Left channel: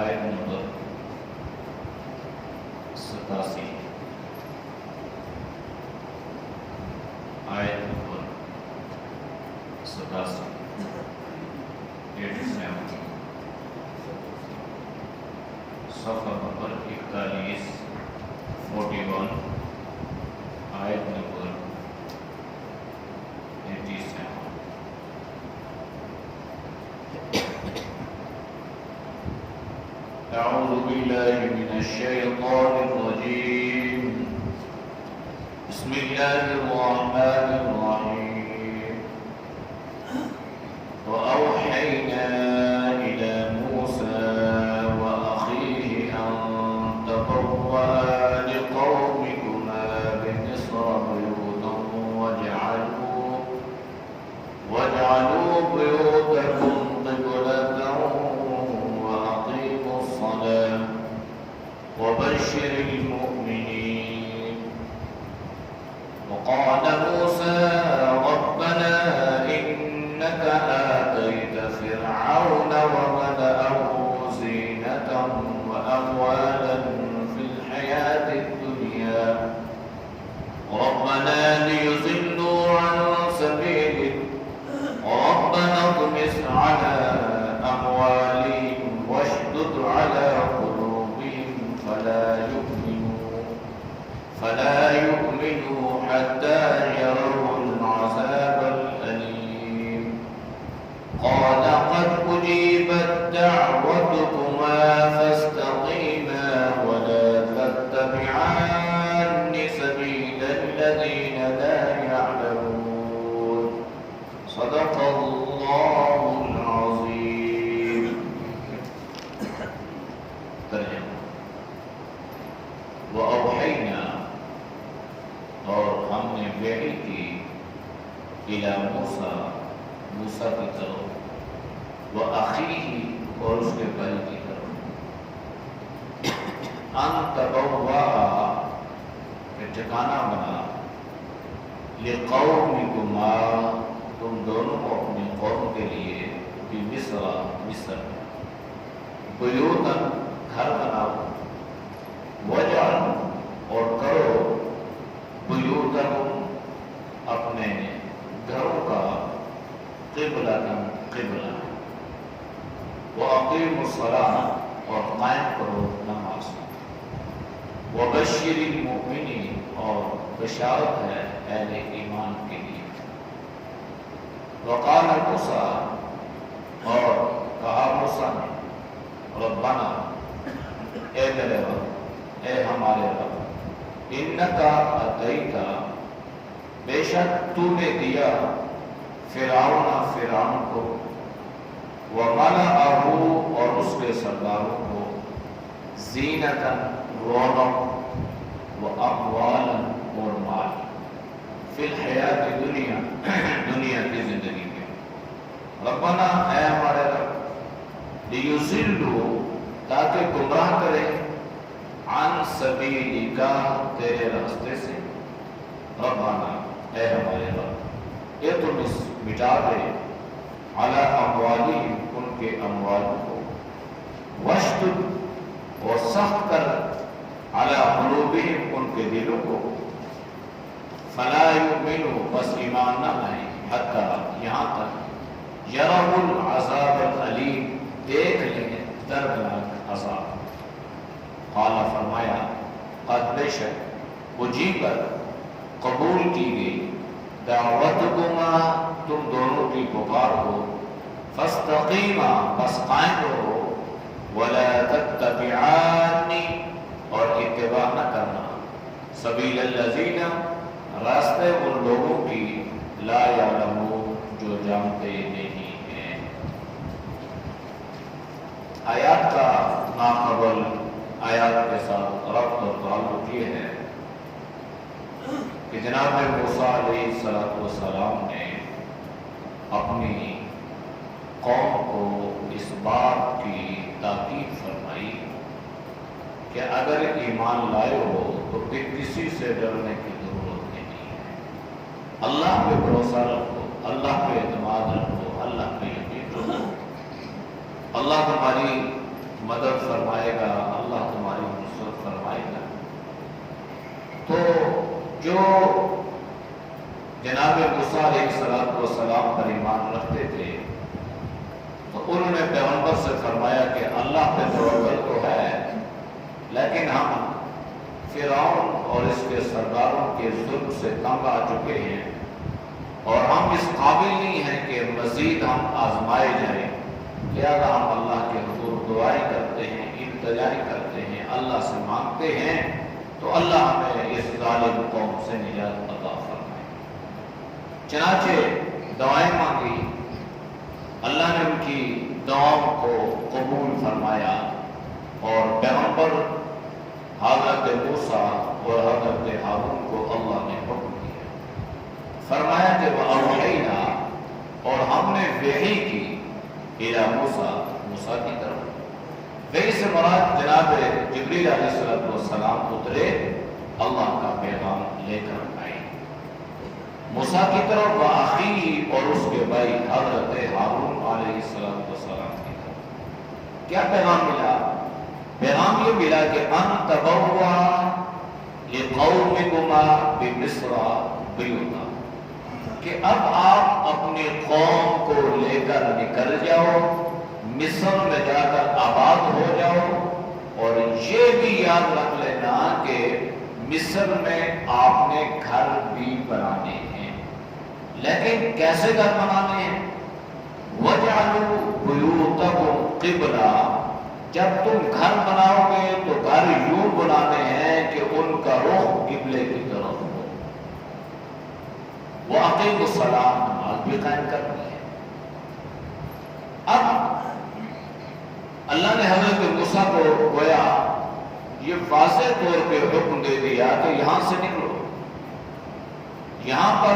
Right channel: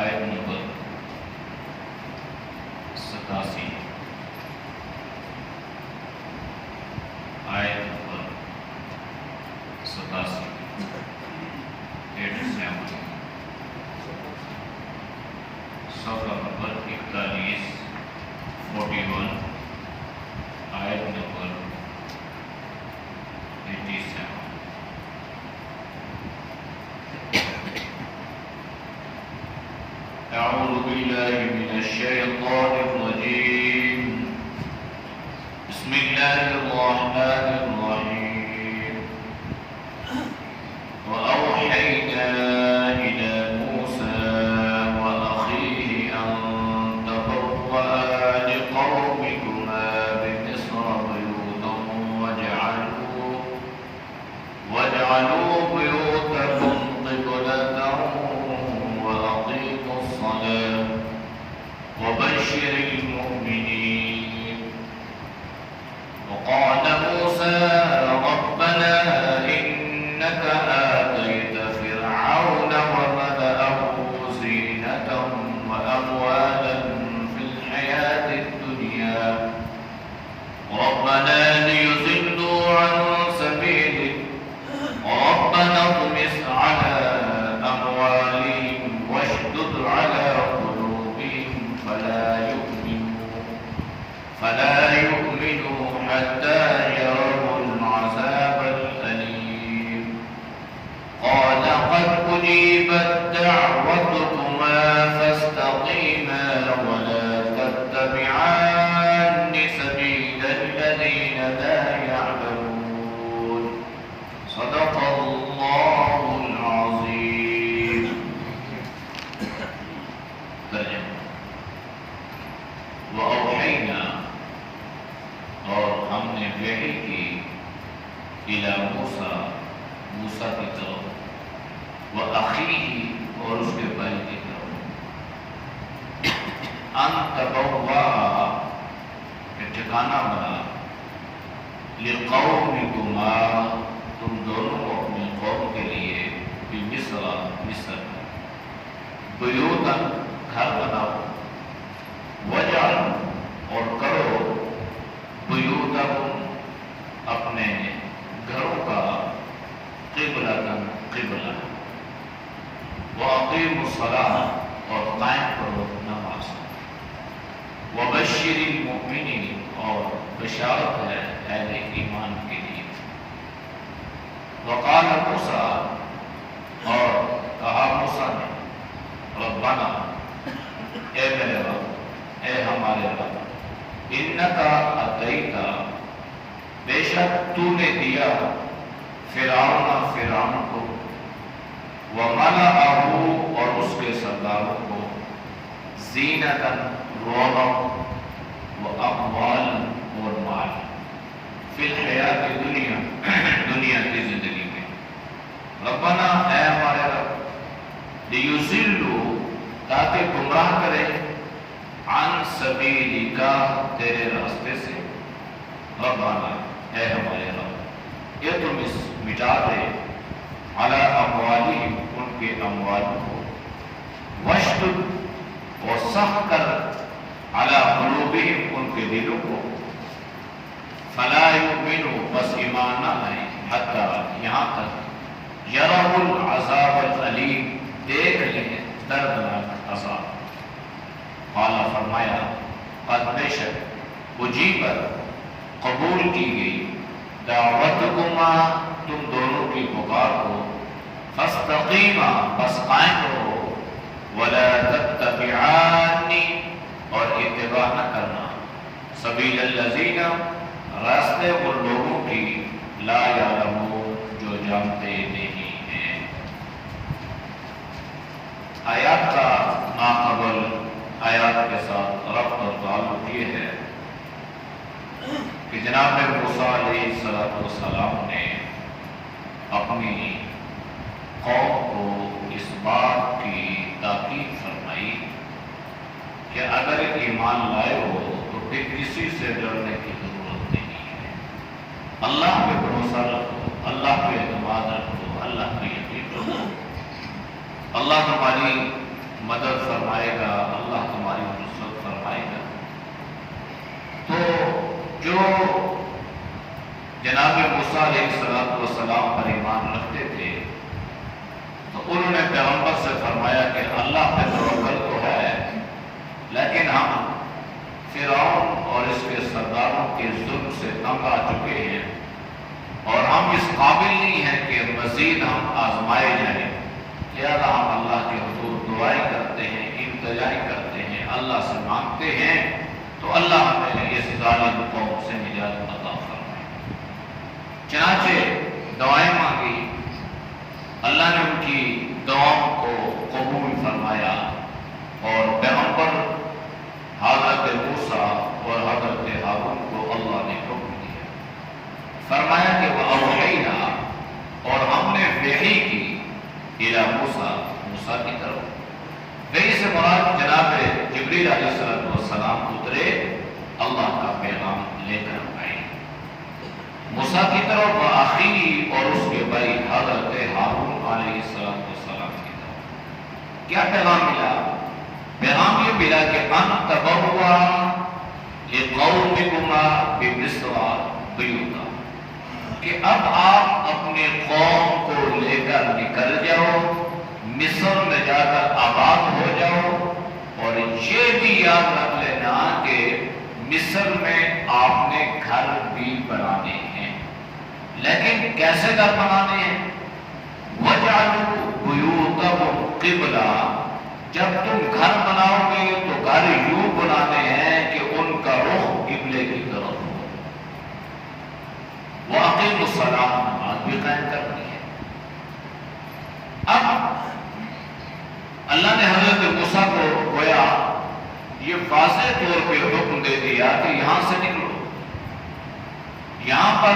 آیت نمبر 87 آیت نمبر 87 صفحہ نمبر 41 آیت نمبر 87. أعوذ بالله من الشيطان الرجيم. بسم الله الرحمن الرحيم. وأوحينا إلى موسى وأخيه أن تبوأ لقومكما بمصر بيوتا واجعلوا بيوتكم قبلة وأقيموا الصلاة وبشر المؤمنين. وقال موسى ربنا إنك آتيت فرعون وملأه زينة وأموالا في الحياة الدنيا ربنا ليضلوا عن سبيلك ربنا اطمس على أموالهم واشدد على قلوبهم فلا يؤمنوا حتى يروا العذاب الأليم. قال قد أجيبت دعوتكما فاستقيما ولا تتبعان سبيل الذين لا يعلمون. صدق اللہ العظیم. ترجمہ. وَأَوْحَيْنَا اور ہم نے وحی کی اِلَى موسیٰ موسیٰ کی طرف وَأَخِيهِ اور اس کے بھائی کی طرف أَن تَبَوَّأَ کہ ٹھکانہ بنا لِقَوْمِكُمَا تم دونوں کو اپنے قوم کے لیے مصر بیوتاً گھر بناؤ وجعلوا اور کرو بیوتکم اپنے گھروں کا قبلہ واقیموا الصلاۃ اور قائم کرو نماز وبشر المؤمنین اور بشارت ہے اہل ایمان کے لیے. وقال موسیٰ اور کہا موسیٰ نے ربنا اے میرے رب اے ہمارے رب انکا اتیتا بے شک تو نے دیا فرعون کو وملأہ اور اس کے سرداروں کو زینتا رونق واموال اور مال فی الحیات دنیا کی زندگی میں. ربنا اے ہمارے رب لیضلوا تاکہ گمراہ کرے عن سبیلک تیرے راستے سے. ربنا اے ہمارے رب اطمس مٹا دے علی اموالہم ان کے اموال کو واشدد اور سخت کر علی قلوبہم ان کے دلوں کو فلا یؤمنوا بس ایمان نہ لائیں حتی یہاں تک یروا العذاب العلیم دیکھ لیں دردناک عذاب. قال فرمایا قد بے شک اجیبت قبول کی گئی دعوتکما تم دونوں کی پکار کو فاستقیما بس قائم رہو ولا تتبعان اور اتباع نہ کرنا سبیل الذین راستے ان لوگوں کی لا یعلمون جو جانتے نہیں ہیں. آیات کا ماقبل آیات کے ساتھ ربط اور تعلق یہ ہے کہ جناب موسیٰ علیہ السلام نے اپنی قوم کو اس بات کی تاکید فرمائی کہ اگر ایمان لائے ہو تو پھر کسی سے ڈرنے کی ضرورت نہیں ہے. اللہ پہ بھروسہ رکھو, اللہ پہ اعتماد رکھو, اللہ پہ یقین رکھو. اللہ تمہاری مدد فرمائے گا، اللہ تمہاری نصرت فرمائے گا۔ تو جو جناب موسیٰ علیہ السلام پر ایمان رکھتے تھے تو انہوں نے پیغمبر سے فرمایا کہ اللہ پہ توکل تو ہے، لیکن ہم فرعون اور اس کے سرداروں کے ظلم سے تنگ آ چکے ہیں اور ہم اس قابل نہیں ہیں کہ مزید ہم آزمائے جائیں، لہذا ہم اللہ کے حضور دعائیں کرتے ہیں، التجائی کرتے ہیں، اللہ سے مانگتے ہیں تو اللہ ہمیں اس ظالم قوم سے نجات عطا فرمائے۔ چنانچہ دعائیں مانگی، اللہ نے ان کی دعاؤں کو قبول فرمایا اور پیغمبر حضرت موسیٰ اور حضرت ہارون کو اللہ نے حکم دیا، فرمایا کہ وَأَوْحَيْنَا، اور ہم نے وحی کی إِلَى موسیٰ کی طرف۔ وحی سے مراد جناب جبریل علیہ السلام اترے، اللہ کا پیغام لے کر آئے موسیٰ کی طرف، وَأَخِيهِ، اور اس کے بھائی حضرت ہارون علیہ السلام کی طرف۔ کیا پیغام ملا؟ پیغام یہ ملا کہ ان تبوا لقومکما بمصر بیوتا، کہ اب آپ اپنے قوم کو لے کر نکل جاؤ، مصر میں جا کر آباد ہو جاؤ، اور یہ بھی یاد رکھ لینا کہ مصر میں آپ نے گھر بھی بنانے ہیں، لیکن کیسے گھر بنانے ہیں؟ وَجَعَلُوا بُيُوتَهُمْ قِبْلَةً، جب تم گھر بناؤ گے تو گھر یوں بنانے ہیں کہ ان کا رخ قبلے کی طرف ہو، وَأَقِيمُوا الصَّلَاةَ، نماز بھی قائم کرنی ہے۔ اب اللہ نے حضرت موسیٰ کو گویا یہ واضح طور پہ حکم دے دیا کہ یہاں سے نکلو، یہاں پر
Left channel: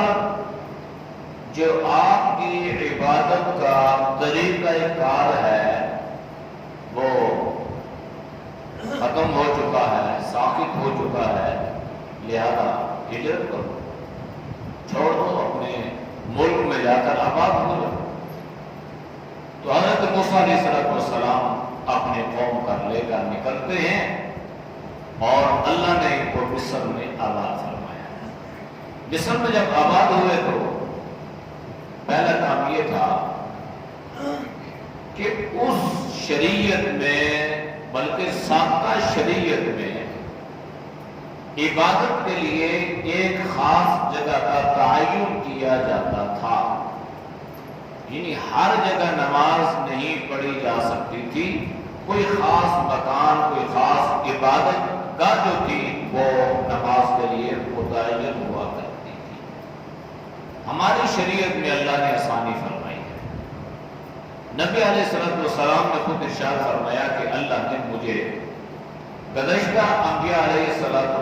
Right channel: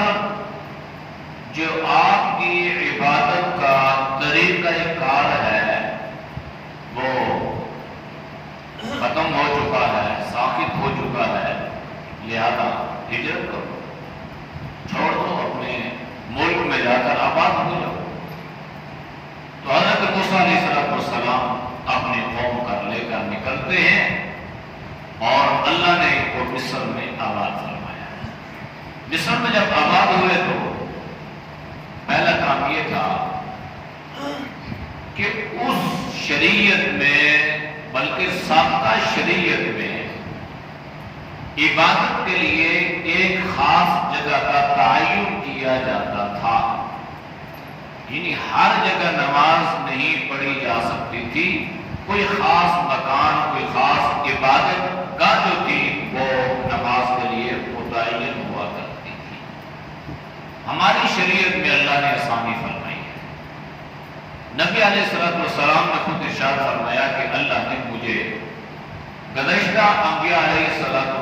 جو آپ کی عبادت کا طریقہ کار ہے وہ ختم ہو چکا ہے، ساقط ہو چکا ہے، لہذا ہجرت کرو، چھوڑ دو، اپنے ملک میں جا کر آباد ہو جاؤ۔ تو حضرت موسیٰ علیہ السلام اپنے قوم کا لے کر نکلتے ہیں اور اللہ نے ان کو مصر میں آباد فرمایا۔ مصر میں جب آباد ہوئے تو پہلا کام یہ تھا کہ اس شریعت میں، بلکہ سابقہ شریعت میں، عبادت کے لیے ایک خاص جگہ کا تعین کیا جاتا تھا، یعنی ہر جگہ نماز نہیں پڑھی جا سکتی تھی، کوئی خاص مکان، کوئی خاص عبادت گاہ جو تھی وہ نماز کے لیے متعین ہوا کرتی تھی۔ ہماری شریعت میں اللہ نے آسانی فرمائی ہے۔ نبی علیہ السلام نے خود ارشاد فرمایا کہ اللہ نے مجھے گزشتہ انبیاء علیہ السلام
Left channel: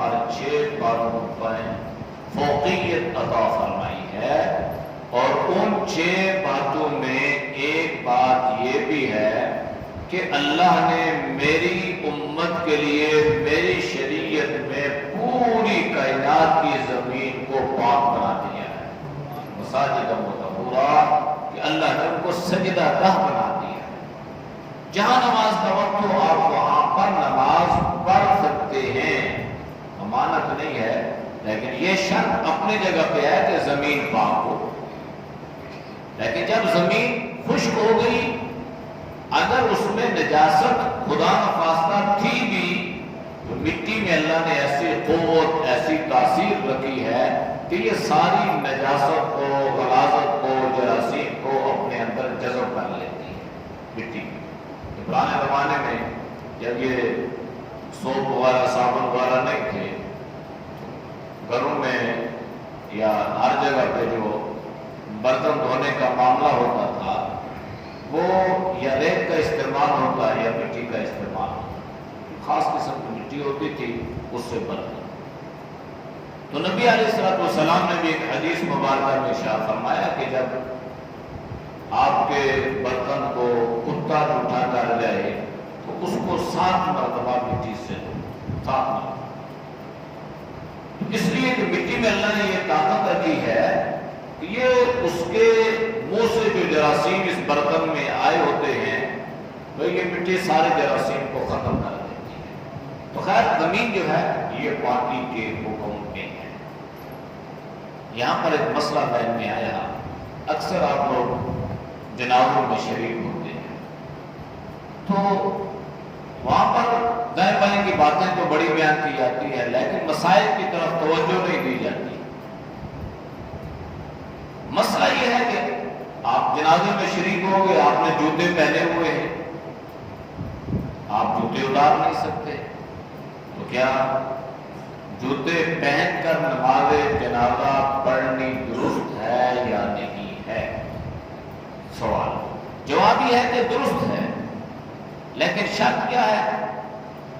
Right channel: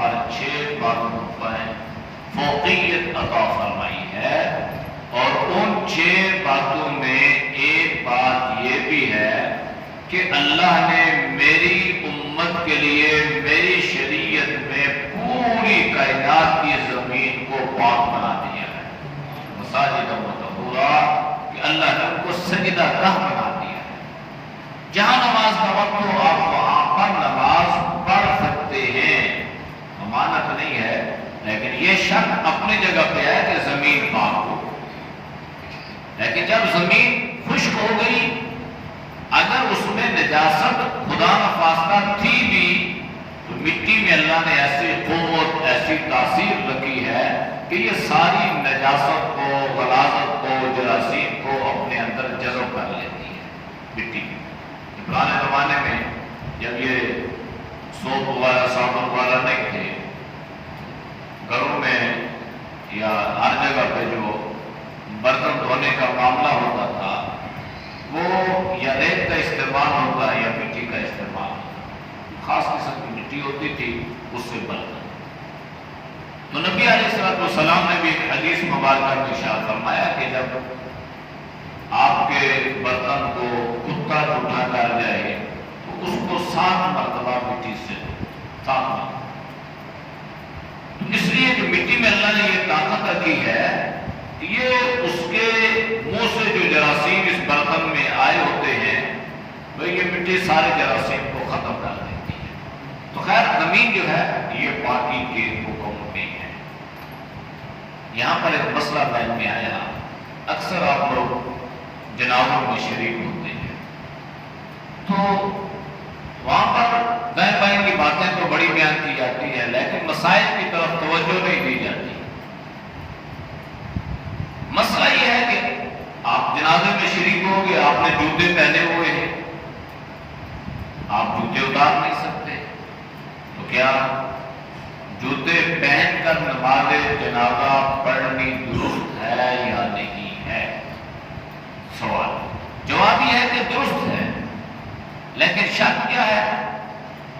پر 6 باتوں پر فوقیت عطا فرمائی ہے، اور ان 6 باتوں میں ایک بات یہ بھی ہے کہ اللہ نے میری امت کے لیے میری شریعت میں پوری کائنات کی زمین کو پاک بنا دیا ہے، مساجد مطہورہ، کہ اللہ نے ان کو سجدہ گاہ بنا دیا ہے، جہاں نماز کا وقت ہو آپ وہاں پر نماز پڑھ سکتے ہیں، ممانعت نہیں ہے، لیکن یہ شرط اپنی جگہ پہ ہے کہ زمین پاک ہو۔ لیکن جب زمین خشک ہو گئی، اگر اس میں نجاست خدا نخواستہ تھی بھی تو مٹی میں اللہ نے ایسی قوت، ایسی تاثیر رکھی ہے کہ یہ ساری نجاست کو، غلاظت کو، جراثیم کو اپنے اندر جذب کر لیتی ہے مٹی میں۔ پرانے زمانے میں جب یہ سوپ وغیرہ، صابن وغیرہ نہیں تھے، گھروں میں یا ہر جگہ پہ جو برتن دھونے کا معاملہ ہوتا تھا وہ یا ریت کا استعمال ہوتا یا مٹی کا استعمال ہوتا، خاص قسم کی مٹی ہوتی تھی، اس سے برتن۔ تو نبی علیہ السلام نے بھی ایک حدیث مبارکہ میں ارشاد فرمایا کہ جب آپ کے برتن کو کتا اٹھا کر جائے تو اس کو 7 مرتبہ مٹی سے صاف کرو۔ اس لیے کہ مٹی میں اللہ نے یہ طاقت رکھی ہے کہ یہ اس کے منہ سے جو جراثیم اس برتن میں آئے ہوتے ہیں تو یہ مٹی سارے جراثیم کو ختم کر دیتی ہے۔ تو خیر زمین جو ہے یہ پاکی کے حکم میں ہے۔ یہاں پر ایک مسئلہ ذہن میں آیا، اکثر آپ لوگ جنازوں میں شریک ہوتے ہیں تو وہاں پر بہن بھائی کی باتیں تو بڑی بیان کی جاتی ہے، لیکن مسائل کی طرف توجہ نہیں دی جاتی۔ مسئلہ یہ ہے کہ آپ جنازے میں شریک ہو گے، آپ نے جوتے پہنے ہوئے ہیں، آپ جوتے اتار نہیں سکتے، تو کیا جوتے پہن کر نماز جنازہ پڑھنی درست ہے یا نہیں ہے؟ سوال جواب یہ ہے کہ درست ہے، لیکن شرط کیا ہے؟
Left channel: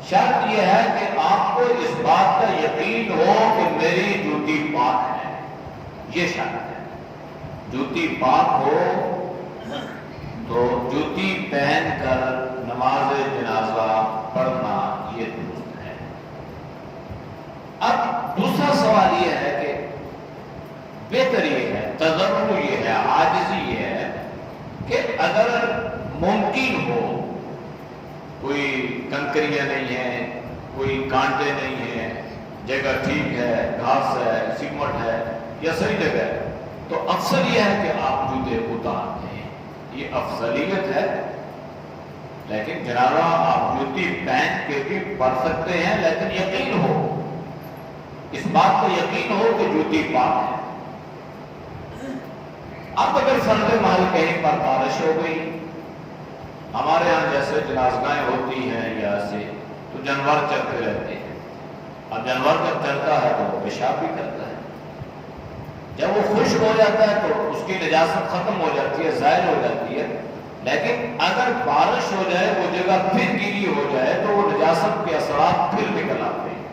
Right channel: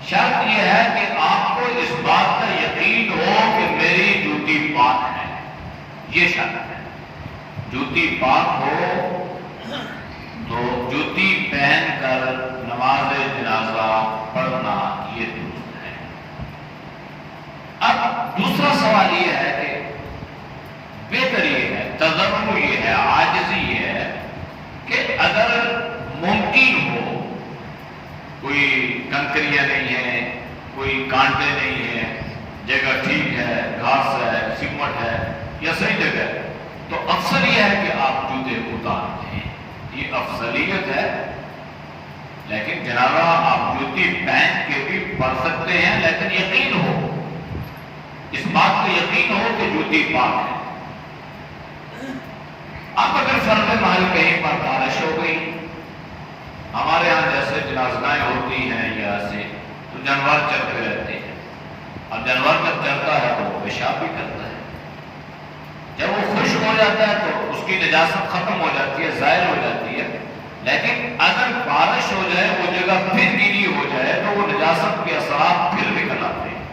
شرط یہ ہے کہ آپ کو اس بات کا یقین ہو کہ میری جوتی پاک ہے، یہ شرط ہے۔ جوتی پاک ہو تو جوتی پہن کر نماز جنازہ پڑھنا یہ درست ہے۔ اب دوسرا سوال یہ ہے کہ بہتر یہ ہے، تضرع یہ ہے، عاجزی یہ ہے کہ اگر ممکن ہو، کوئی کنکریاں نہیں ہے، کوئی کانٹے نہیں ہیں، جگہ ٹھیک ہے، گھاس ہے، سیمٹ ہے یا صحیح جگہ ہے، تو افضل یہ ہے کہ آپ جوتے اتار دیں، یہ افضلیت ہے۔ لیکن جنازہ آپ جوتی پہن کے بھی پڑھ سکتے ہیں، لیکن یقین ہو، اس بات کو یقین ہو کہ جوتی پاک ہے۔ اب اگر فرض محل کہیں پر بارش ہو گئی، ہمارے ہاں جیسے جنازگاہیں ہوتی ہیں یا ایسے، تو جانور چلتے رہتے ہیں، اب جانور جب چلتا ہے تو وہ پیشاب بھی کرتا ہے، جب وہ خشک ہو جاتا ہے تو اس کی نجاست ختم ہو جاتی ہے، زائل ہو جاتی ہے۔ لیکن اگر بارش ہو جائے، وہ جگہ پھر گیلی ہو جائے تو وہ نجاست کے اثرات پھر نکل آتے ہیں۔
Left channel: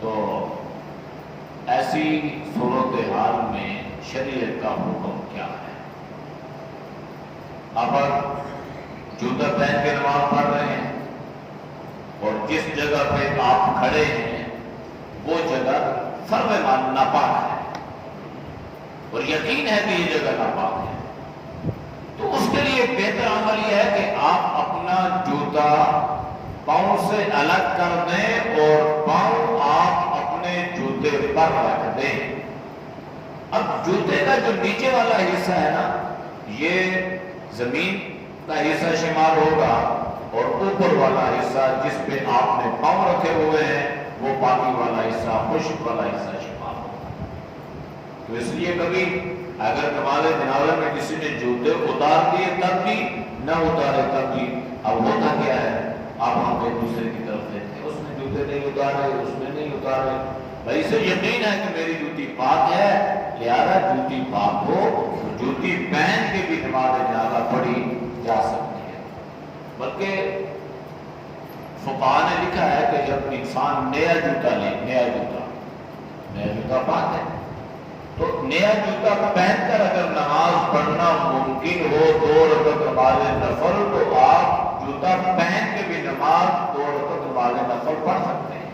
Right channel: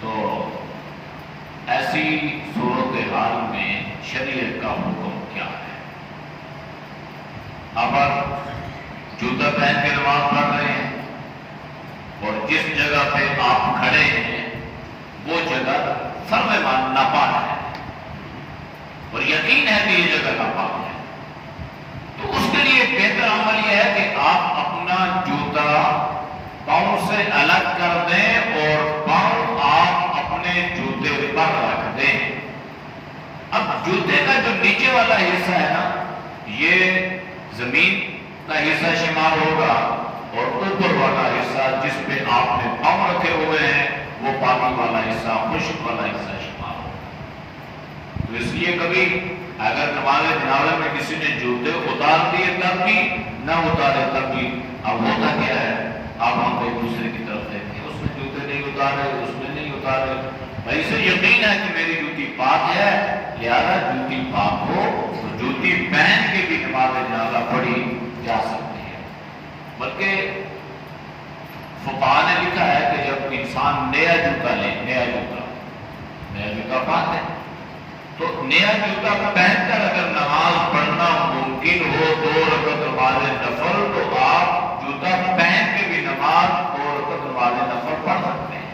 تو ایسی صورتحال میں شریعت کا حکم کیا ہے؟ اگر جوتا پہن کے نماز پڑھ رہے ہیں اور جس جگہ پہ آپ کھڑے ہیں وہ جگہ فرض ناپاک ہے اور یقین ہے کہ یہ جگہ ناپاک ہے، تو اس کے لیے بہتر عمل یہ ہے کہ آپ اپنا جوتا پاؤں سے الگ کر دیں اور پاؤں آپ اپنے جوتے پر رکھ دیں۔ اب جوتے کا جو نیچے والا حصہ ہے نا، یہ زمین کا حصہ شمار ہوگا، اور اوپر والا حصہ جس پہ آپ نے پاؤں رکھے ہوئے ہیں وہ پانی والا حصہ، خشک والا حصہ شمار ہوگا۔ تو اس لیے کبھی اگر نماز جنازہ میں کسی نے جوتے اتار دیے تب بھی، نہ اتارے تب بھی، اب ہوتا کیا ہے، اب ہم ایک دوسرے کی طرف دیکھتے ہیں، اس نے جوتے نہیں اتارے، اس نے نہیں اتارے، بھائی سے یقین ہے کہ میری جوتی پاک ہے، لہذا جوتی پاک ہو تو جوتی پہن کے بھی نماز جنازہ پڑھی جا سکتی ہے۔ بلکہ فقہاء نے لکھا ہے کہ جب انسان نیا جوتا لے، نیا جوتا پاک ہے، تو نیا جوتا پہن کر اگر نماز پڑھنا ممکن ہو 2 رکعت نماز نفل، تو آپ جوتا پہن کے بھی نماز 2 رکعت نماز نفل پڑھ سکتے ہیں۔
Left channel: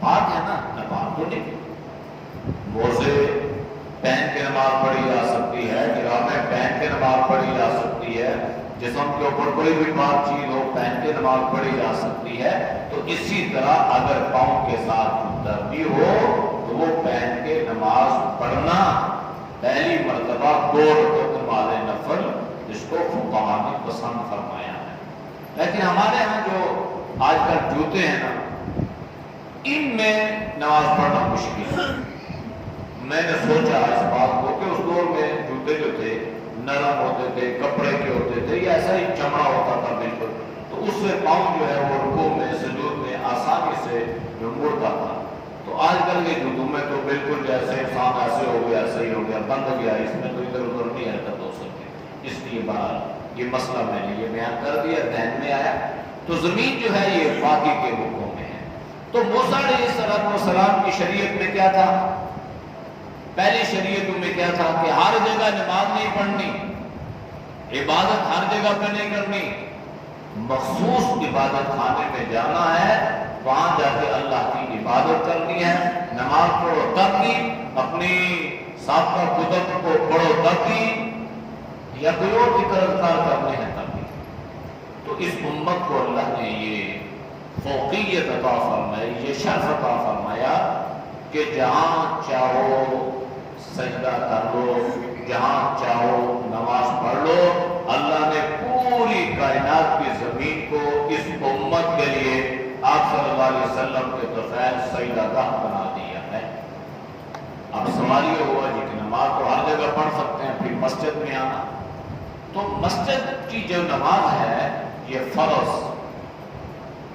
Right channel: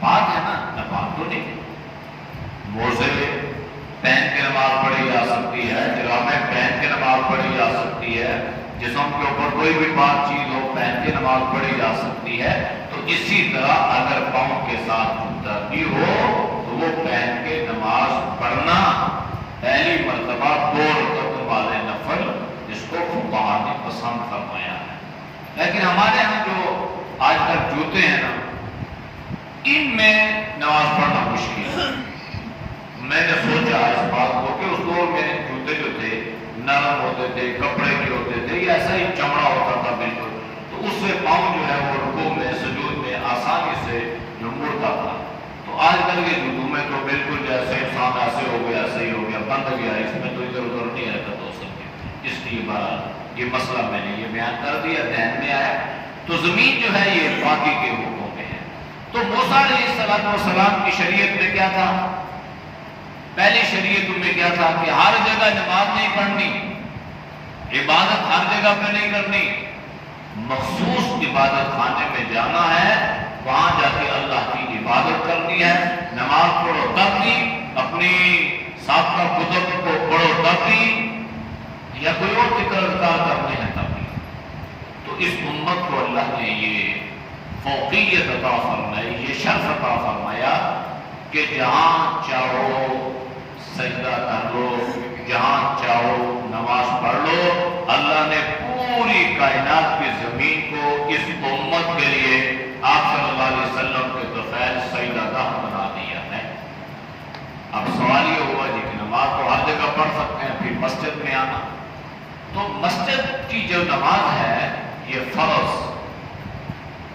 پاک ہے نا، ناپاک تو نہیں۔ موزے پہن کے نماز پڑھی جا سکتی ہے، جرابیں پہن کے نماز پڑھی جا سکتی ہے، جسم کے اوپر کوئی بھی پاک چیز ہو پہن کے نماز پڑھی جا سکتی ہے۔ تو اسی طرح اگر پاؤں کے ساتھ جوتا بھی ہو تو وہ پہن کے نماز پڑھنا پہلی مرتبہ 2 رکعت نماز نفل، اس کو فقہاء نے پسند فرمایا ہے۔ لیکن ہمارے ہاں جو آج کل جوتے ہیں نا، ان میں نماز پڑھنا مشکل ہے۔ میں نے سوچا اس بات کو کہ اس دور میں جوتے جو تھے نرم ہوتے تھے، کپڑے کے ہوتے تھے، یا ایسا ہی چمڑا ہوتا تھا بالکل، تو اس سے پاؤں جو ہے وہ رکوع میں، سجود میں آسانی سے جو مڑتا تھا۔ تو آج کل کے جوتوں میں تو بالکل جیسے انسان ایسے ہو گیا، ایسے ہی ہو گیا، بند ہو گیا، اس میں تو ادھر ادھر نہیں رہتا تو سکتے۔ اس لیے یہ مسئلہ میں نے یہ بیان کر دیا، ذہن میں آیا۔ تو زمین جو ہے یہ پاکی کے حکم میں ہے۔ تو موسیٰ علیہ السلام کی شریعت میں کیا تھا؟ پہلی شریعتوں میں کیا تھا کہ ہر جگہ نماز نہیں پڑھنی، عبادت ہر جگہ پہ نہیں کرنی، مخصوص عبادت خانے میں جانا ہے، وہاں جا کے اللہ کی عبادت کرنی ہے۔ نماز پڑھو تب بھی، اپنی سابقہ کتب کو پڑھو تب بھی، یا کوئی اور ذکر اذکار کرنے ہیں تب بھی، تو اس امت کو اللہ نے یہ فوقیت عطا فرمائی، یہ شرف عطا فرمایا کہ جہاں چاہو سجدہ کر لو، جہاں چاہو نماز پڑھ لو۔ اللہ نے پوری کائنات کی زمین کو اس امت کے لیے آپ صلی اللہ علیہ وسلم کے بغیر سجدہ گاہ بنا دیا ہے۔ اب سوال یہ ہوا جی کہ نماز تو ہر جگہ پڑھ سکتے ہیں، پھر مسجد میں آنا، تو مسجد کی جو نماز ہے یہ فرض،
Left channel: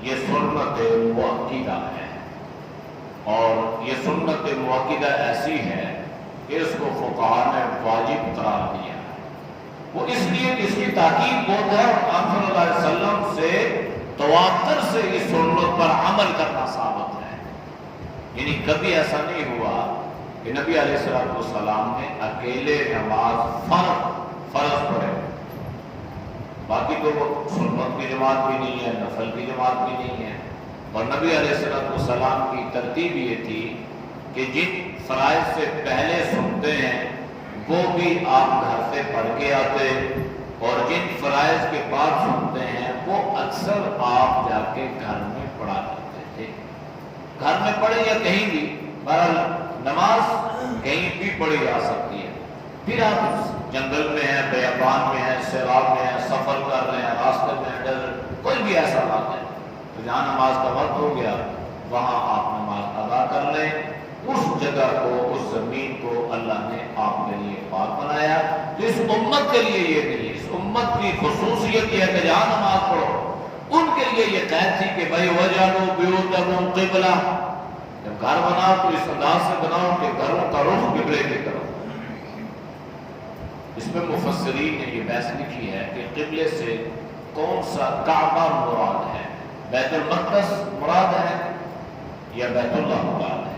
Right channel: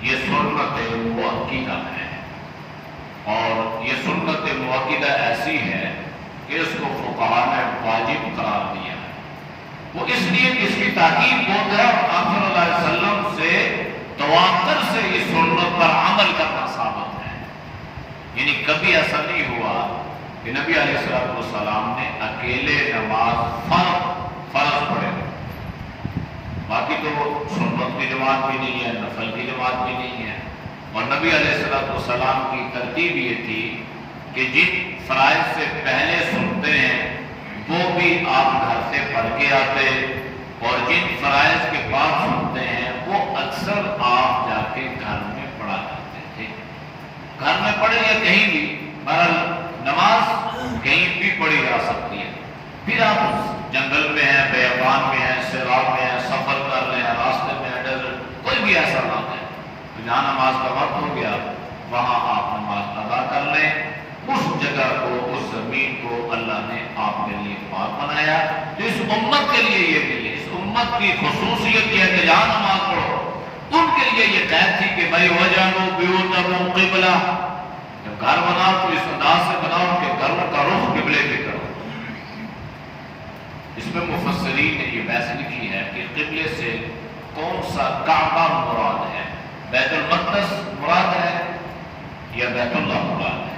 یہ سنت مؤکدہ ہے، اور یہ سنت مؤکدہ ایسی ہے کہ اس کو فقہاء نے واجب قرار دیا ہے۔ وہ اس لیے کہ اس کی تاکید بہت ہے، اور آپ صلی اللہ علیہ وسلم سے تواتر سے اس سنت پر عمل کرنا ثابت ہے۔ یعنی کبھی ایسا نہیں ہوا کہ نبی علیہ السلام نے اکیلے نماز فرض پڑھے، باقی تو وہ سنت کی جماعت بھی نہیں ہے، نفل کی جماعت بھی نہیں ہے۔ اور نبی علیہ السلام کی ترتیب یہ تھی کہ جن فرائض سے پہلے سنتے ہیں وہ بھی آپ گھر سے پڑھ کے آتے، اور جن فرائض کے بعد سنتے ہیں وہ اکثر آپ جا کے گھر میں پڑھا کرتے تھے۔ گھر میں پڑھے یا کہیں بھی، بہرحال نماز کہیں بھی پڑھی جا سکتی ہے۔ پھر آپ جنگل میں ہیں، بیابان میں ہیں، سیلاب میں ہیں، سفر کر رہے ہیں، راستے میں ہیں، ڈیزرٹ، کوئی بھی ایسا بات ہے تو جہاں نماز کا وقت ہو گیا وہاں آپ نماز ادا کر لیں۔ اس جگہ کو، اس زمین کو اللہ نے آپ کے لیے پاک بنایا۔ تو اس امت کے لیے یہ نہیں ہے، اس امت کی خصوصیت یہ ہے کہ جہاں نماز پڑھو، ان کے لیے یہ قید تھی کہ بھائی وَجَعَلُوا بِيُوتَهُمْ قِبْلَةً، جب گھر بناؤ تو اس انداز سے بناؤ کہ گھروں کا رخ قبلے کی کرو۔ اس میں مفسرین نے یہ بحث لکھی ہے کہ قبلے سے کون سا کعبہ مراد ہے، بیت المقدس مراد ہے یا بیت اللہ مراد ہے۔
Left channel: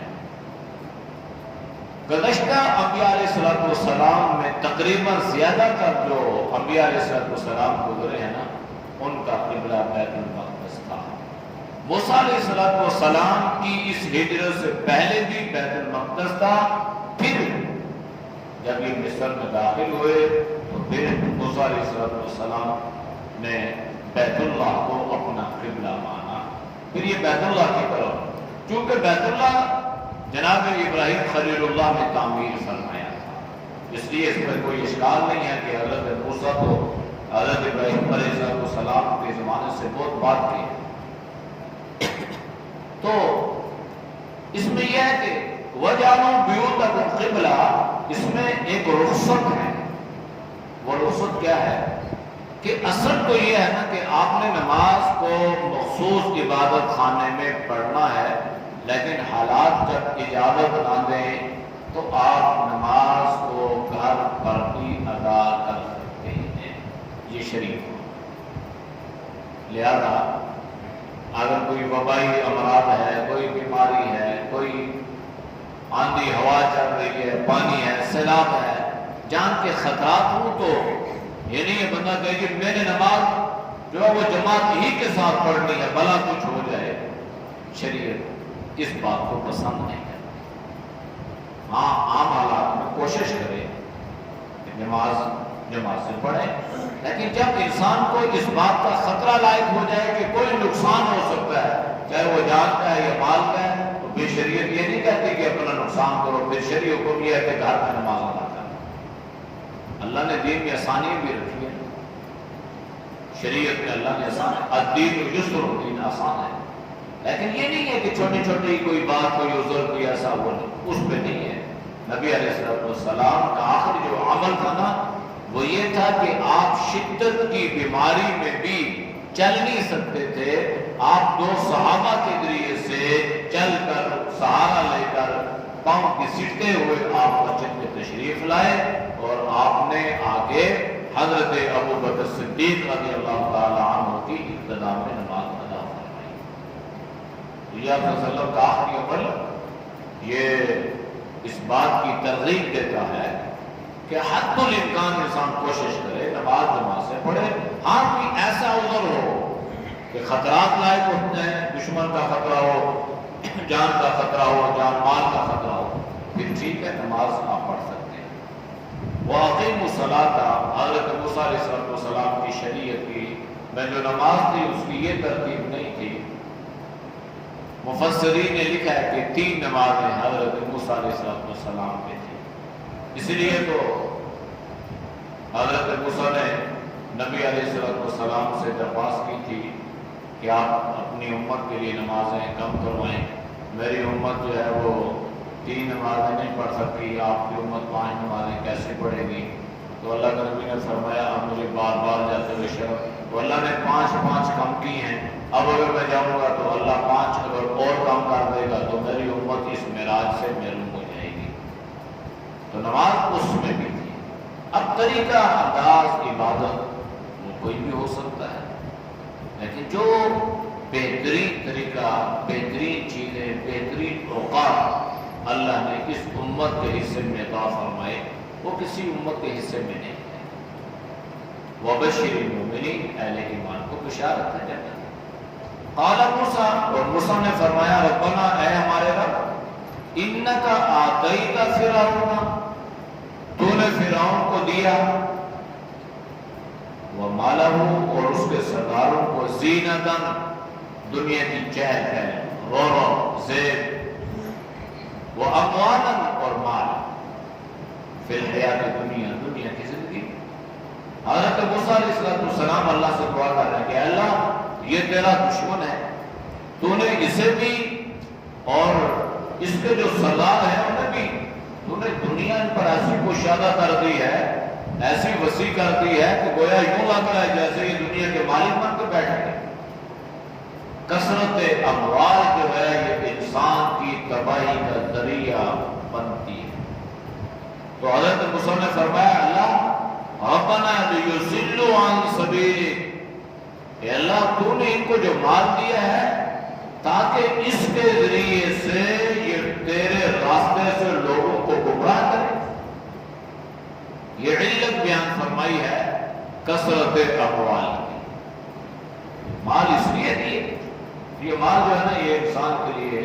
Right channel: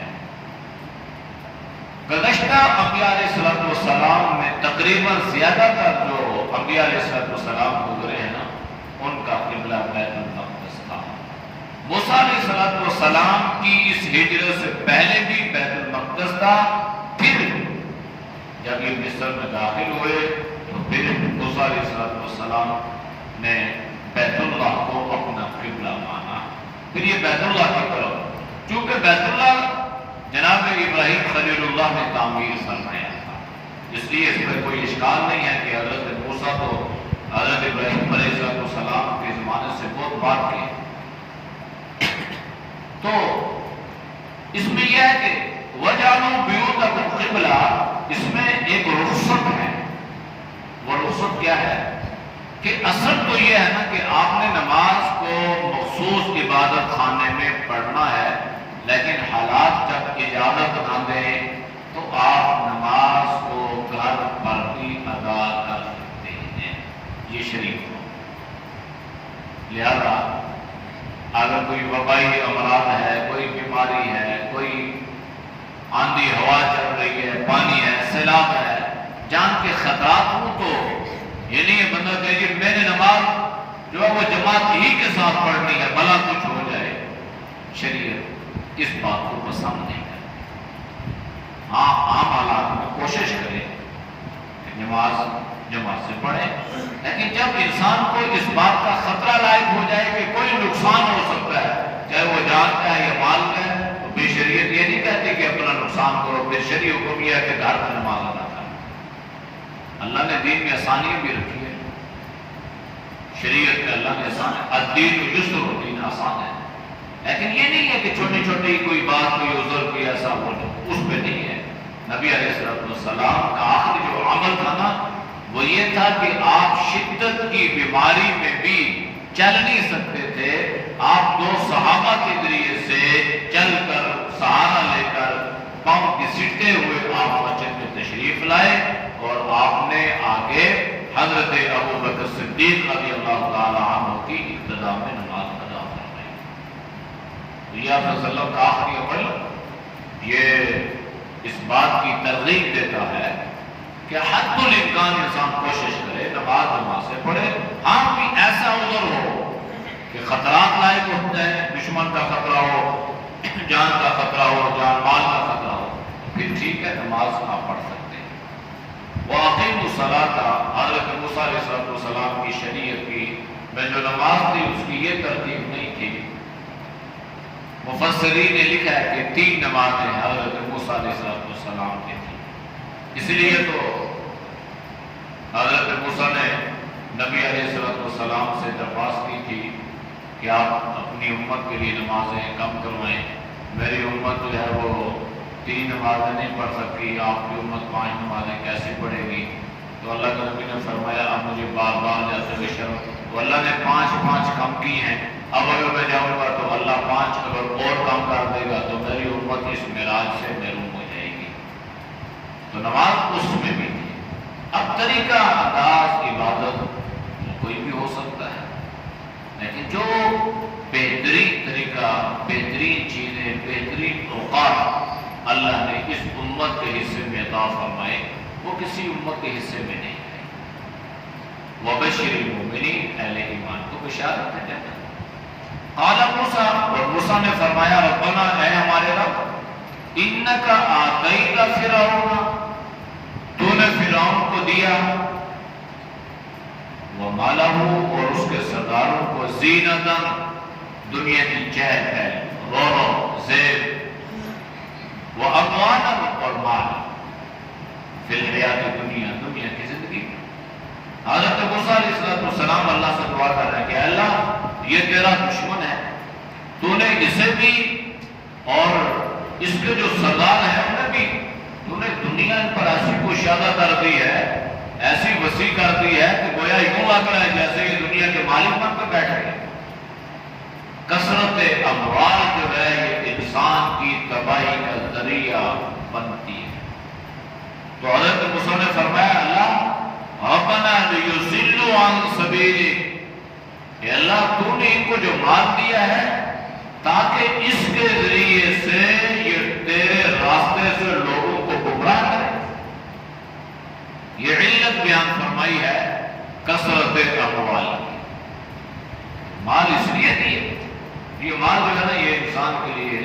گزشتہ انبیاء علیہ السلام میں تقریباً زیادہ تر جو انبیاء علیہ السلام گزرے ہیں نا، ان کا قبلہ بیت المقدس تھا۔ موسیٰ علیہ السلام کی اس ہجرت سے پہلے بھی بیت المقدس تھا، پھر جب یہ مصر میں داخل ہوئے تو پھر موسیٰ علیہ السلام نے بیت اللہ کو اپنا قبلہ مانا، پھر یہ بیت اللہ کی طرف، چونکہ بیت اللہ جناب ابراہیم خلیل اللہ نے تعمیر فرمایا تھا، اس لیے اس پر کوئی اشکال نہیں ہے کہ حضرت موسیٰ تو حضرت ابراہیم علیہ السلام کے زمانے سے بہت بات کی۔ تو اس میں یہ ہے کہ وَجَعَلُوا بِيُوتَهُمْ قِبْلَةً، اس میں ایک رخصت ہے۔ وہ رخصت کیا ہے کہ اصل تو یہ ہے نا کہ آپ نے نماز کو مخصوص عبادت خانے میں پڑھنا ہے، لیکن حالات جب اجازت نہ دیں تو آپ نماز کو گھر پر بھی ادا کر سکتے ہیں، یہ شریعت ہے۔ لہذا اگر کوئی وبائی امراض ہے، کوئی بیماری ہے، کوئی آندھی ہوا چل رہی ہے، پانی ہے، سیلاب ہے، جان کے خطرات ہوں، تو یہ نہیں ہے بندہ کہ جی میں نے نماز جو ہے وہ جماعت ہی کے ساتھ پڑھنی ہے، بھلا کچھ ہو جائے۔ شریعت اس بات کو پسند نہیں کرتی۔ ہاں عام حالات میں کوشش کرے کہ نماز جماعت سے پڑھے، لیکن جب انسان کو اس بات کا خطرہ لاحق ہو جائے کہ کوئی نقصان ہو سکتا ہے، چاہے وہ جان کا ہے یا مال کا ہے، تو پھر شریعت یہ نہیں کہتی کہ اپنا نقصان کرو، پھر شریعت حکم یہ ہے کہ گھر میں نماز ادا کرو۔ اللہ نے دین میں آسانی بھی رکھی ہے، شریعت میں اللہ نے آسان، الدین یسر، دین آسان ہے، لیکن یہ نہیں ہے کہ چھوٹی چھوٹی کوئی بات، کوئی عذر، کوئی ایسا وہ نہیں، اس پہ نہیں ہے۔ نبی علیہ السلام کا آخری جو عمل تھا نا وہ یہ تھا کہ آپ شدت کی بیماری میں بھی چل نہیں سکتے تھے، آپ دو صحابہ کے ذریعے سے چل کر، سہارا لے کر، پاؤں گھسیٹتے ہوئے آپ مسجد میں تشریف لائے، اور آپ نے آگے حضرت ابو بکر صدیق رضی اللہ تعالی عنہ کی ابتدا میں نماز ادا فرمائی۔ تو یہ آپ صلی اللہ علیہ وسلم کا آخری عمل یہ اس بات کی ترغیب دیتا ہے کہ حد الامکان انسان کوشش کرے نماز سے پڑھے۔ ہاں کوئی ایسا عذر ہو کہ خطرات لاحق ہو جائیں، دشمن کا خطرہ ہو، جان کا خطرہ ہو، جان مال کا خطرہ ہو، پھر ٹھیک ہے نماز آپ پڑھ سکتے ہیں۔ وَأَقِيمُوا الصَّلَاةَ، حضرت موسیٰ علیہ السلام کی شریعت کی میں جو نماز تھی اس کی یہ ترتیب نہیں تھی. مفسرین نے لکھا ہے کہ 3 نمازیں حضرت موسیٰ علیہ السلام کی تھی. اس لیے تو حضرت موسیٰ نے نبی علیہ السلام سے درخواست کی تھی کہ آپ اپنی امت کے لیے نمازیں کم کروائیں. میری امت جو ہے وہ 3 نمازیں نہیں پڑھ سکتی، آپ کی امت 5 نمازیں کیسے پڑھے گی؟ تو اللہ کے نبی نے فرمایا آپ مجھے بار بار جاتے ہوئے شرم، تو اللہ نے 5 کم کی ہیں. اب اگر میں جاؤں گا تو اللہ 5 اگر اور کم کر دے گا تو میری امت اس معراج سے محروم ہو جائے گی. تو نماز اس میں بھی تھی. اب طریقہ انداز عبادت وہ کوئی بھی ہو سکتا ہے، لیکن جو بہترین طریقہ، بہترین چیزیں، بہترین اوقات اللہ نے اس امت کے حصے میں عطا فرمائے وہ کسی امت کے حصے میں نہیں ہے. وَبَشِّرِ الْمُؤْمِنِينَ، اہل ایمان کو بشارت ہے. قال موسیٰ، اور موسیٰ نے فرمایا ربنا، اے ہمارے رب، اِنَّكَ آتَيْتَ فِرْعَوْنَ، تو نے فرعون کو دیا، وَمَالَهُ، اور اس کے سرداروں کو، زینتاً، دنیا کی چہل پہل، رونق، زیب، وَأَمْوَالًا، اور مال، فی الحیات دنیا، دنیا کی زندگی میں. حضرت موسیٰ علیہ السلام اللہ سے دعا کر رہے ہیں کہ اللہ یہ تیرا دشمن ہے، تو نے اسے بھی اور اس کے جو سردار ہیں انہیں بھی، تو نے دنیا ان پر ایسی کشادہ کر دی ہے، ایسی وسیع کر دی ہے کہ گویا یوں لگ رہا ہے جیسے یہ دنیا کے مالک بن کے بیٹھ گئے. کثرت اموال جو ہے یہ انسان کی تباہی کا ذریعہ بنتی ہے. تو حضرت موسیٰ نے فرمایا اللہ ربنا لیضلوا عن سبیلک، کہ اللہ تو نے ان کو جو مال دیا ہے تاکہ اس کے ذریعے سے یہ تیرے راستے سے لوگوں کو گمراہ کرے. یہ علت بیان فرمائی ہے کثرت اموال. مال اس لیے دیے، یہ مال جو ہے نا یہ انسان کے لیے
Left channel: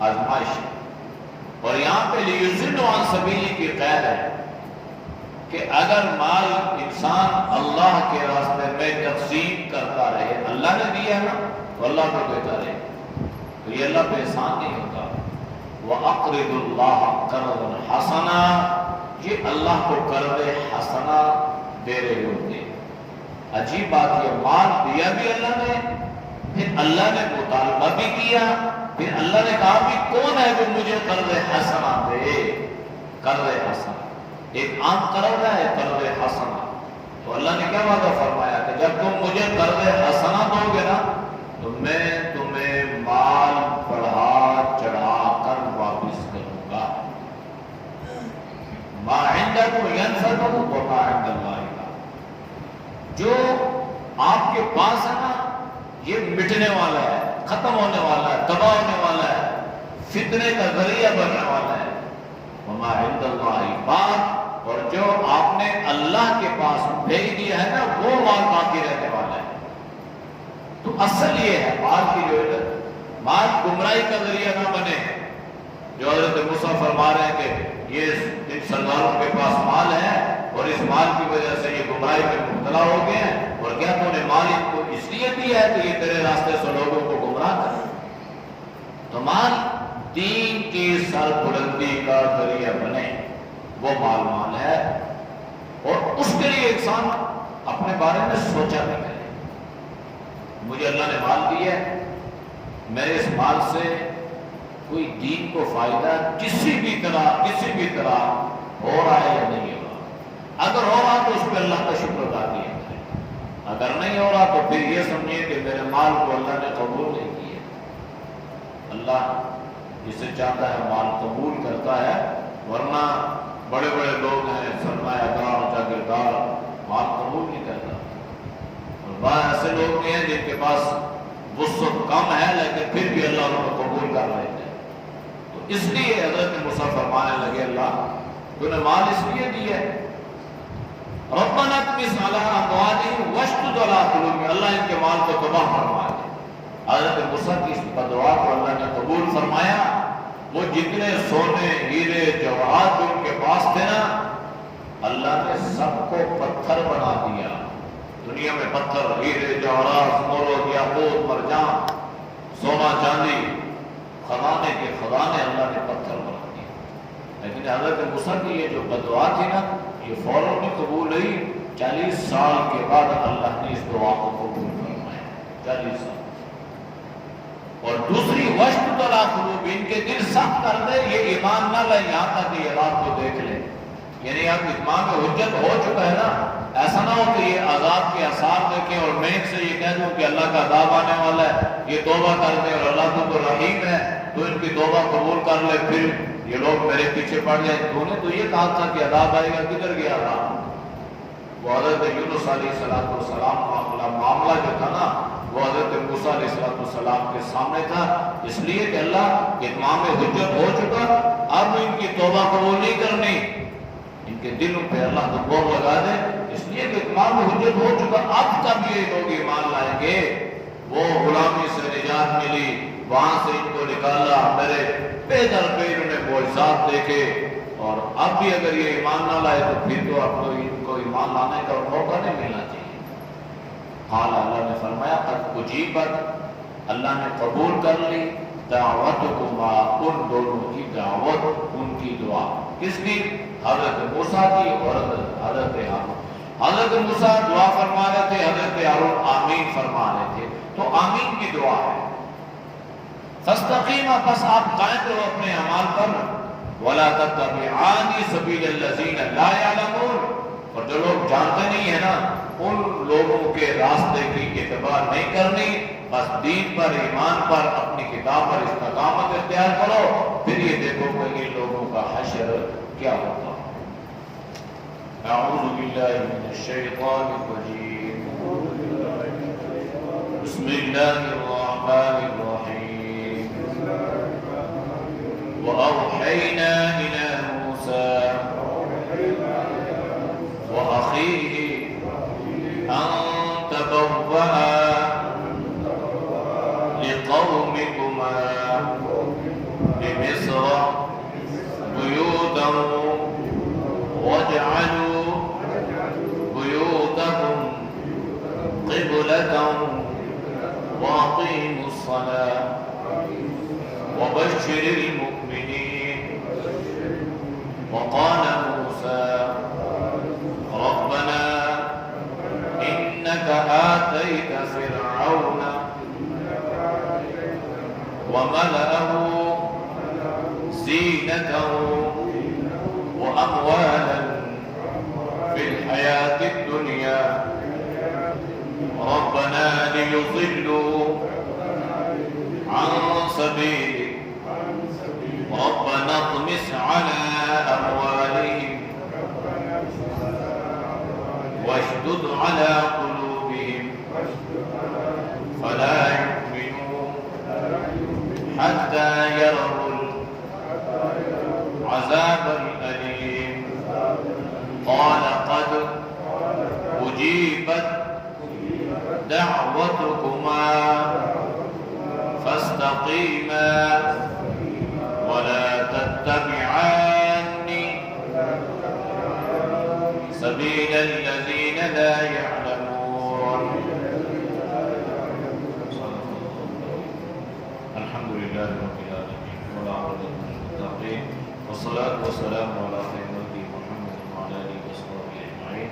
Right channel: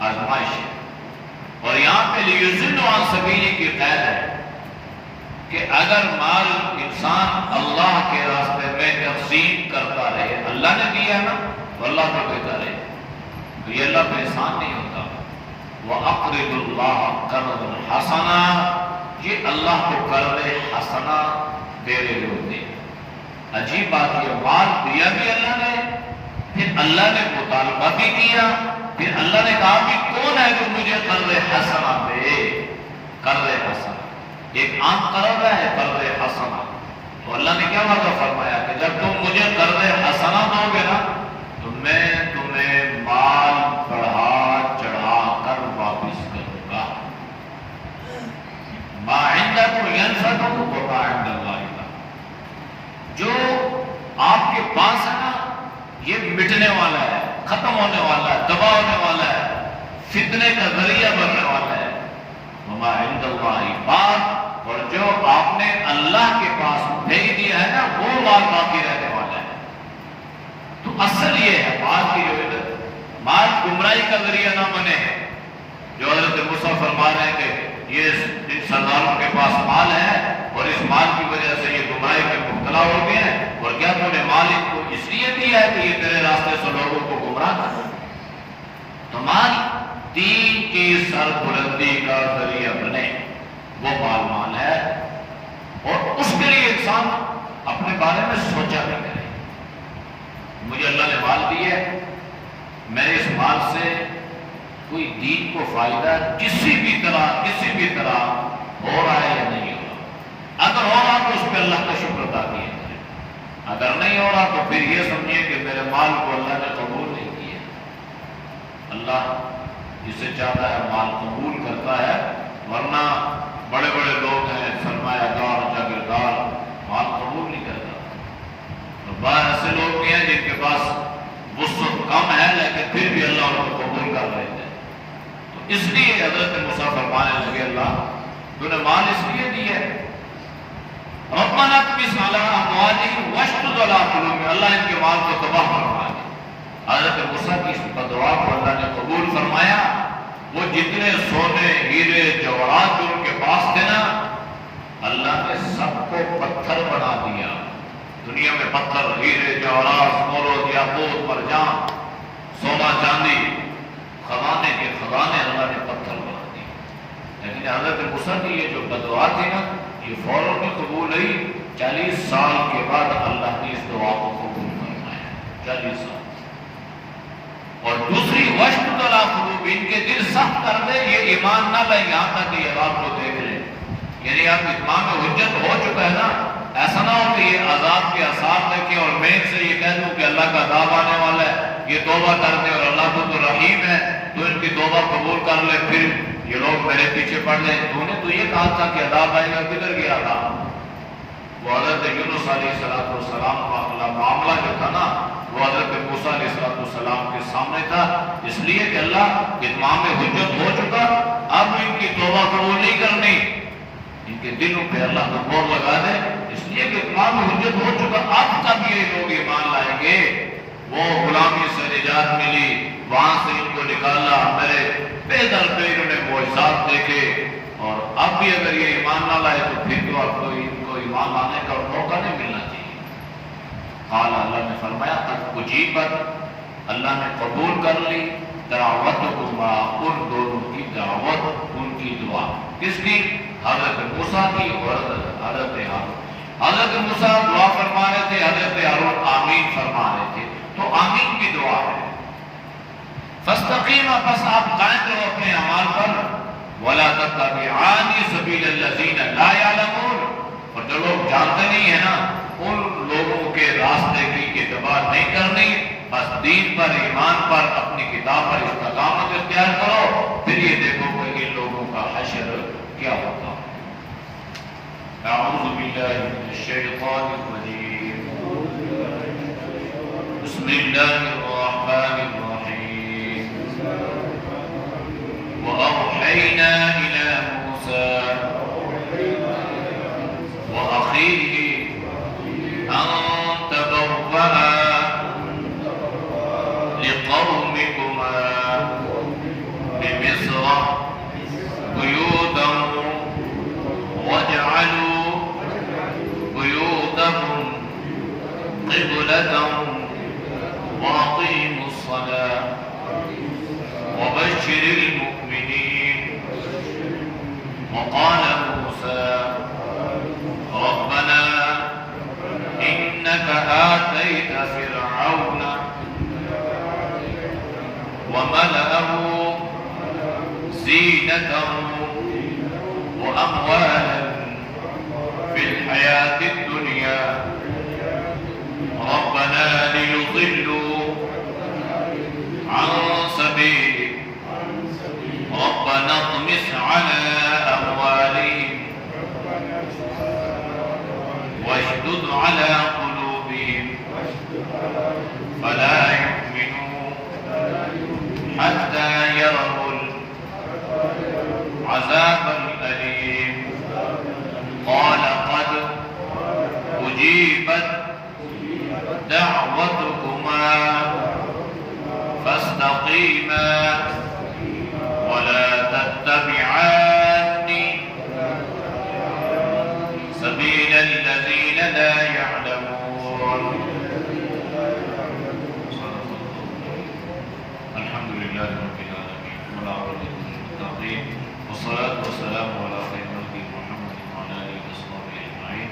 آزمائش ہے. اور یہاں پہ لیضلوا عن سبیلک کی قید ہے کہ اگر مال انسان اللہ کے راستے میں تقسیم کرتا رہے، اللہ نے دیا ہے نا تو اللہ کو دیتا رہے، تو یہ اللہ پہ احسان نہیں ہوتا. وَأَقْرِضُوا اللَّهَ قَرْضًا حَسَنًا، یہ اللہ کو قرض حسنہ دے رہے ہوتے. عجیب بات، یہ مال دیا بھی اللہ نے، پھر اللہ نے مطالبہ بھی کیا، پھر اللہ نے کہا کہ کون ہے جو مجھے قرض حسنہ دے. قرض حسنہ ایک عام قرض ہے، قرض حسنہ. تو اللہ نے کیا وعدہ فرمایا کہ جب تم مجھے قرض حسنہ دو گے نا تو میں تمہیں مال بڑھا چڑھا کر واپس کروں گا. ما عندکم ينفد وما عند اللہ، جو آپ کے پاس ہے نا یہ مٹنے والا ہے، ختم ہونے والا ہے، تباہ ہونے والا ہے، فتنے کا ذریعہ بننے والا ہے. وما عند اللہ باق، اور جو آپ نے اللہ کے پاس بھیج دیا ہے نا وہ مال باقی رہنے والا ہے. تو اصل یہ ہے مال کی جو ہے مال گمراہی کا ذریعہ نہ بنے. جو حضرت موسیٰ فرما رہے ہیں کہ یہ ان سرداروں کے پاس مال ہے اور اس مال کی وجہ سے یہ گمراہی میں مبتلا ہو گئے ہیں، اور کیا تو نے مال ان کو اس لیے دیا ہے کہ یہ تیرے راستے سے لوگوں کو گمراہ کرے. تو مال دین کی سربلندی کا ذریعہ بنے وہ مال ہے. اور اس کے لیے انسان اپنے بارے میں سوچا بھی کرے. مجھے اللہ نے مال دیا ہے، میرے اس مال سے کوئی دین کو فائدہ کسی بھی طرح ہو رہا ہے یا نہیں ہو رہا. اگر ہو رہا تو اس پہ اللہ کا شکر ادا کیا ہے، اگر نہیں ہو رہا تو پھر یہ سمجھیے کہ میرے مال کو اللہ نے قبول نہیں کیا. اللہ جسے چاہتا ہے مال قبول کرتا ہے، ورنہ بڑے بڑے لوگ ہیں سرمایہ دار جاگیردار مال قبول نہیں کرتا. اور بعض ایسے لوگ بھی ہیں جن کے پاس وسعت کم ہے لیکن پھر بھی اللہ ان کو قبول کر رہے تھے. تو اس لیے حضرت موسیٰ فرمانے لگے اللہ تو نے مال اس لیے دی ہے. ربنا اطمس علی اموالہم واشدد علی قلوبہم، اللہ ان کے مال کو تباہ فرما دے. حضرت موسیٰ کی اس دعا کو اللہ نے قبول فرمایا. وہ جتنے سونے ہیرے جواہرات جو ان کے پاس تھے نا اللہ نے سب کو پتھر بنا دیا. دنیا میں پتھر، ہیرے جواہرات، مورد، یاقوت، مرجان، سونا چاندی، خزانے کے خزانے اللہ نے پتھر بنا دیے. لیکن حضرت موسیٰ کی یہ جو بدعا تھی نا، یہ فوراً نہیں قبول ہوئی. 40 سال کے بعد اللہ نے اس دعا کو قبول فرمایا. 40 سال. اور دوسری وشت تلا قلوب، ان کے دل سخت کر دے، یہ ایمان نہ لیں یہاں تک کہ یہ عذاب کو دیکھ لیں. یعنی اب اتمام حجت ہو چکا ہے نا، ایسا نہ ہو کہ یہ عذاب کے آثار دیکھیں اور میں سے یہ کہہ دوں کہ اللہ کا عذاب آنے والا ہے، یہ توبہ کر دیں اور اللہ تو رحیم ہے تو ان کی توبہ قبول کر لے، پھر یہ لوگ میرے پیچھے پڑ جائیں. تو نے تو یہ کہا تھا کہ عذاب آئے گا، کدھر گیا تھا؟ وہ حضرت یونس علیہ السلام کا معاملہ جو تھا نا، وہ حضرت موسیٰ علیہ السلام کے سامنے تھا، اس لیے کہ اللہ اتمام حجت ہو چکا، اب ان کی توبہ قبول نہیں کرنی، ان کے دلوں پہ اللہ کو مہر لگا دے. اس لیے کہ اتمام حجت ہو چکا، اب تک یہ لوگ ایمان لائیں گے. وہ غلامی سے نجات ملی، وہاں سے ان کو نکالا، میرے پے در پہ انہوں نے معجزات دیکھے، اور اب بھی اگر یہ ایمان نہ لائے تو پھر تو آپ کو ان کو ایمان لانے کا موقع نہیں ملنا چاہیے. حال اللہ نے فرمایا قد اجیبت، اللہ نے قبول کر لی دعوتکما، ان دونوں کی دعوت، ان کی دعا. کس کی؟ حضرت موسیٰ کی اور حضرت ہارون. حضرت موسیٰ دعا فرما رہے تھے، حضرت ہارون آمین فرما رہے تھے. تو آمین کی دعا ہے. فاستقیما، بس آپ قائم رہو اپنے اعمال پر. ولا تتبعان سبیل الذین لا یعلمون، اور جو لوگ جانتے نہیں ہیں نا، ان لوگوں کے راستے کی اتباع نہیں کرنی. بس دین پر، ایمان پر، اپنی کتاب پر استقامت اختیار کرو، پھر یہ دیکھو کہ ان لوگوں کا حشر کیا ہوتا ہے. اعوذ باللہ من الشیطان الرجیم، بسم اللہ الرحمن الرحیم. وأوحینا إلی موسیٰ وأخیہ أن تبوأ لقومكما بمصر بيوتا واجعلوا بيوتهم قبلة وأقيموا الصلاة وبشر المؤمنين. وقال موسى ربنا إنك آتيت فرعون وملأه زينة وأموالا في الحياة الدنيا ربنا ليضلوا عن سبيلك ربنا اطمس على أموالهم واشدد على قلوبهم فلا يؤمنوا حتى يروا العذاب الأليم. قال قد أجيبت دعوتكما فاستقيما ولا تتبعان سبيل الذين لا يعلمون. الحمد لله رب العالمين والعاقبة للمتقين والصلاة والسلام على خير خلق محمد وعلى آله وصحبه أجمعين.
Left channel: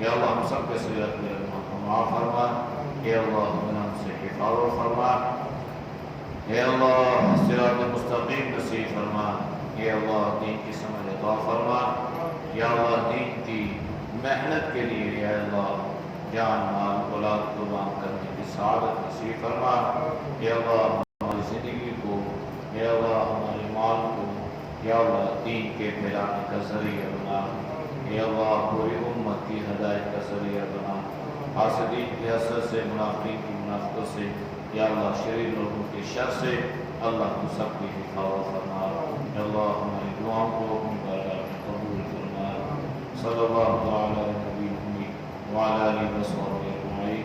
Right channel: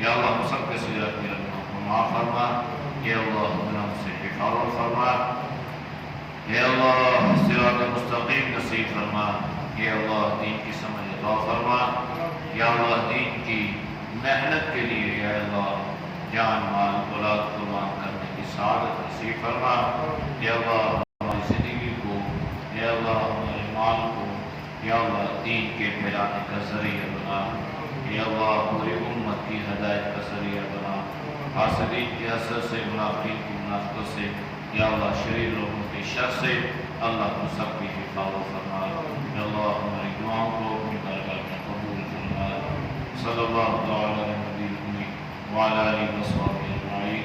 یا اللہ ہم سب کے سجاد کی رحمت کو معاف فرما. یا اللہ ہم سے حفاظت فرما. یا اللہ صراط مستقیم نصیب فرما. یا اللہ دین کی سمجھ عطا فرما. یا اللہ دین کی محنت کے لیے یا اللہ جان مال اولاد قربان کرنے کی سعادت نصیب فرما. یا اللہ ہماری زندگی کو، یا اللہ ہمارے مال کو، یا اللہ دین کے پھیلانے کا ذریعہ بنا. یا اللہ پوری امت کی ہدایت کا ذریعہ بنا. حاسدین کے حسد سے، منافقین کی منافقت سے، یا اللہ شریر لوگوں کے شر سے اللہ تو سب کی حفاظت فرما. یا اللہ ہماری دعاؤں کو اپنی بارگاہ میں قبول فرما. صلی اللہ علیہ وسلم وعلی آلہ وصحبہ اجمعین.